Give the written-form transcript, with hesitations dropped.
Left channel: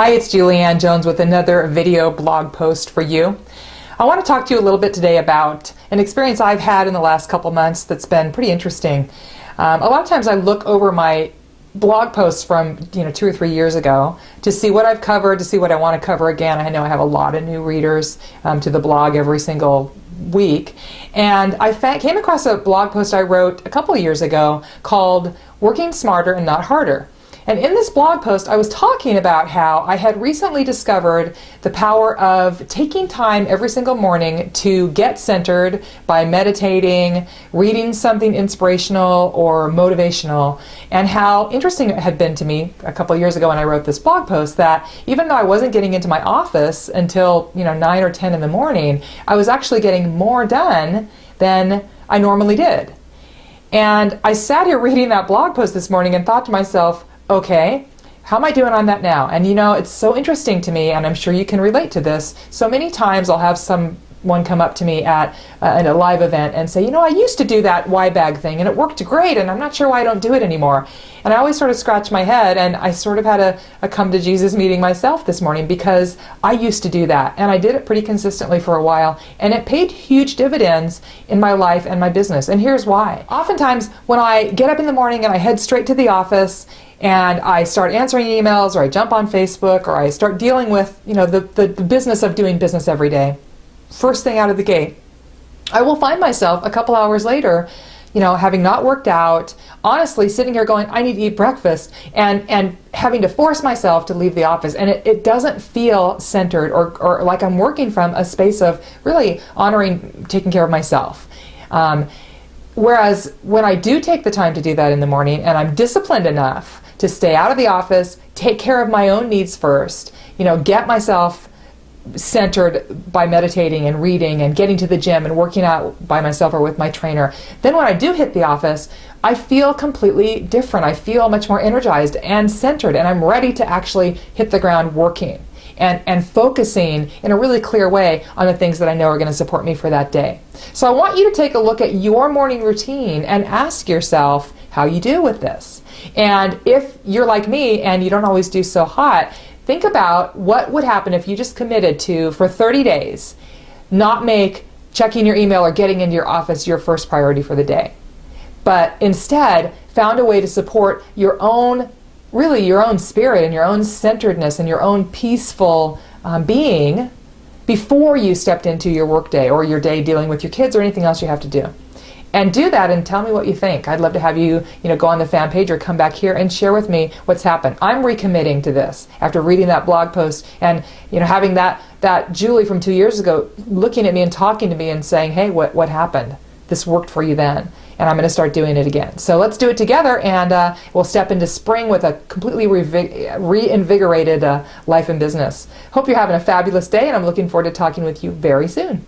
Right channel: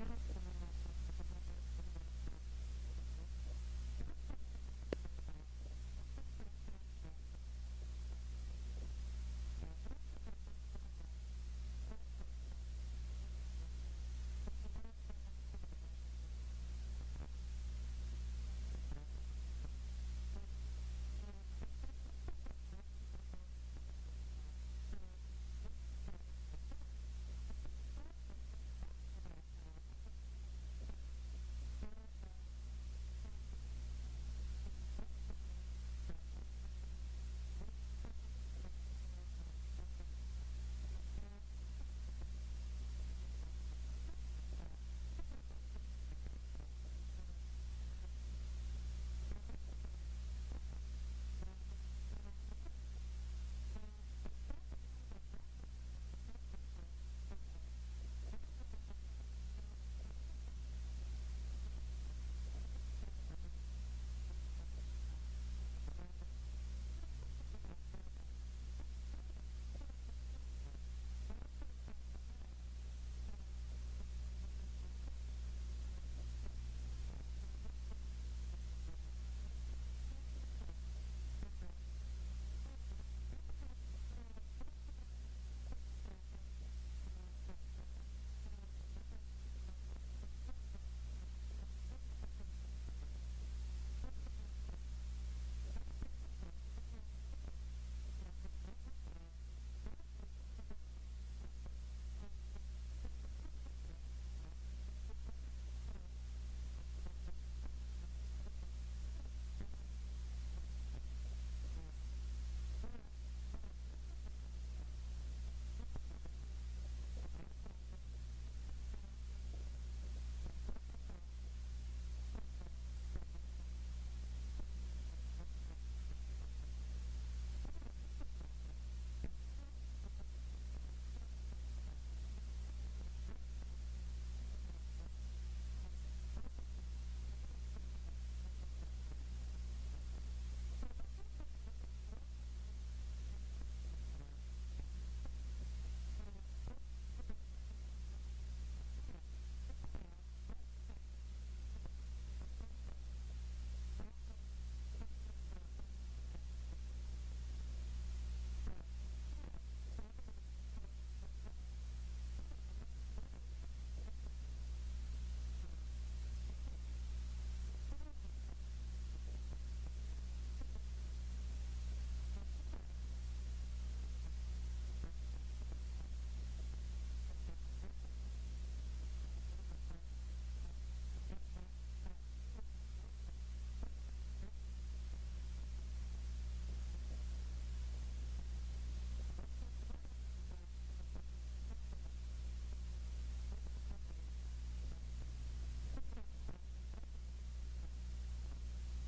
Hi, it's Julianne Jones with another video blog post for you. I want to talk to you a little bit today about an experience I've had in the last couple months that's been pretty interesting. A lot of times I look over my blog posts from 2 or 3 years ago to see what I've covered, to see what I want to cover again. I know I have a lot of new readers to the blog every single week, and I came across a blog post I wrote a couple of years ago called Working Smarter and Not Harder. And in this blog post, I was talking about how I had recently discovered the power of taking time every single morning to get centered by meditating, reading something inspirational or motivational, and how interesting it had been to me a couple of years ago when I wrote this blog post that even though I wasn't getting into my office until 9 or 10 in the morning, I was actually getting more done than I normally did. And I sat here reading that blog post this morning and thought to myself, okay, how am I doing on that now? And it's so interesting to me, and I'm sure you can relate to this. So many times I'll have someone come up to me at a live event and say, I used to do that Y-bag thing and it worked great, and I'm not sure why I don't do it anymore. And I always sort of scratch my head, and I sort of had a come to Jesus meeting myself this morning because I used to do that, and I did it pretty consistently for a while, and it paid huge dividends in my life and my business. And here's why. Oftentimes when I get up in the morning and I head straight to the office and I start answering emails, or I jump on Facebook, or I start dealing with the business of doing business every day, first thing out of the gate, I will find myself a couple hours later having not worked out, honestly sitting here going, I need to eat breakfast, and having to force myself to leave the office. And it doesn't feel centered or like I'm working from a space of really honoring taking care of myself. Whereas when I do take the time to do that in the morning, and I'm disciplined enough to stay out of the office, take care of my own needs first, get myself centered by meditating and reading and getting to the gym and working out by myself or with my trainer, then when I do hit the office, I feel completely different. I feel much more energized and centered, and I'm ready to actually hit the ground working and focusing in a really clear way on the things that I know are going to support me for that day. So I want you to take a look at your morning routine and ask yourself how you do with this. And if you're like me and you don't always do so hot, think about what would happen if you just committed to, for 30 days, not make checking your email or getting into your office your first priority for the day, but instead found a way to support your own spirit and your own centeredness and your own peaceful being before you stepped into your work day or your day dealing with your kids or anything else you have to do. And do that and tell me what you think. I'd love to have you, go on the fan page or come back here and share with me what's happened. I'm recommitting to this after reading that blog post and, having that Julie from 2 years ago looking at me and talking to me and saying, hey, what happened? This worked for you then, and I'm going to start doing it again. So let's do it together, and we'll step into spring with a completely reinvigorated life and business. Hope you're having a fabulous day, and I'm looking forward to talking with you very soon.